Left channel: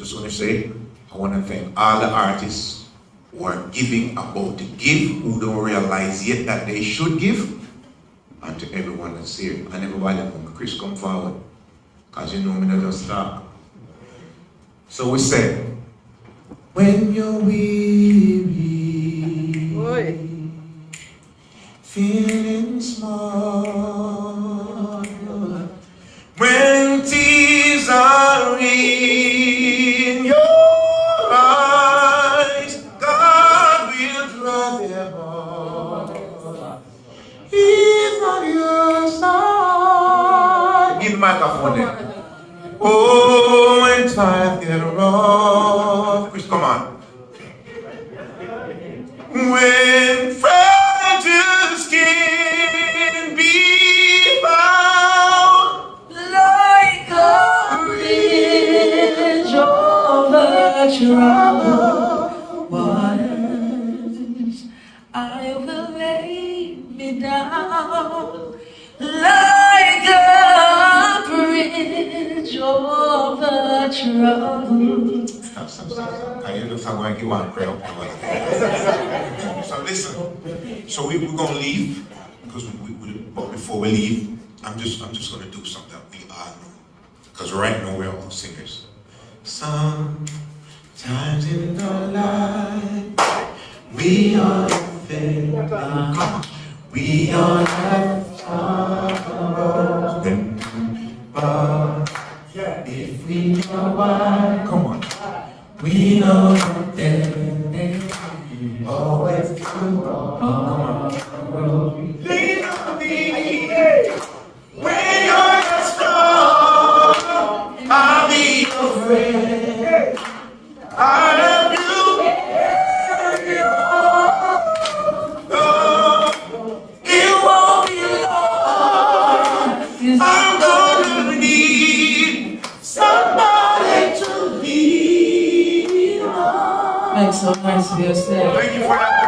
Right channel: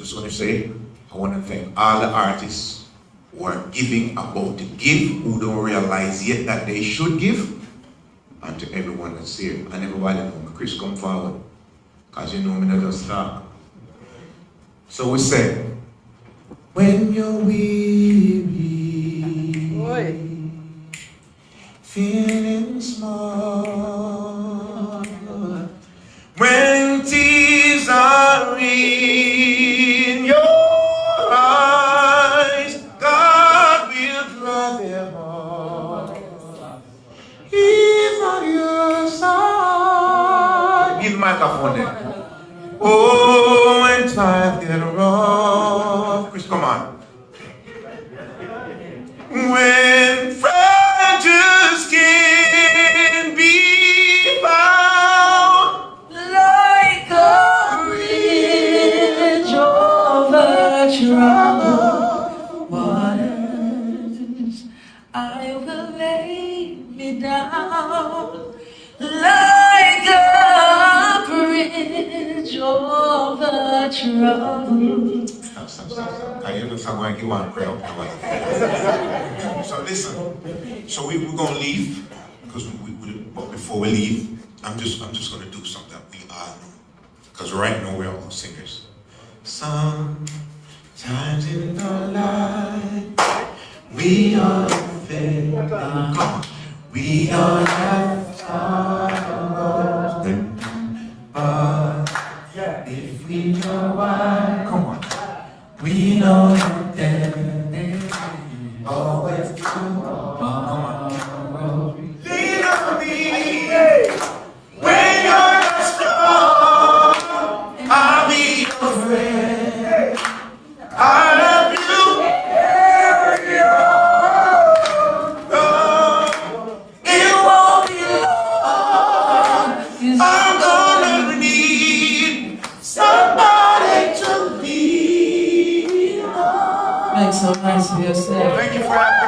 just want to say, I want to thank all the artists who are giving, about to give, who don't realize yet that they should give, and to everyone that's here. And everybody, when Chris come forward, because you know me never stop. So we said, when you're weary, feeling small, when tears are in your eyes, God will dry them all. He's on your side. Give microphone there. Oh, it's right there wrong. Chris, come on. When fragile skin be found like a bridge over troubled waters, I will lay me down like a bridge over troubled. I look like you want to. So listen. So we're gonna leave because but before we leave, I'm just gonna do something. Because right now we're all singers. Sometimes in our life we all fail. We all have time. But if we know why, come on. We know that always tomorrow. Lean on me when you're strong. I'll be your friend. I'll help you. It won't be long. I'm gonna need somebody to lean on. Makes so nice to be a slave. Thank you for that.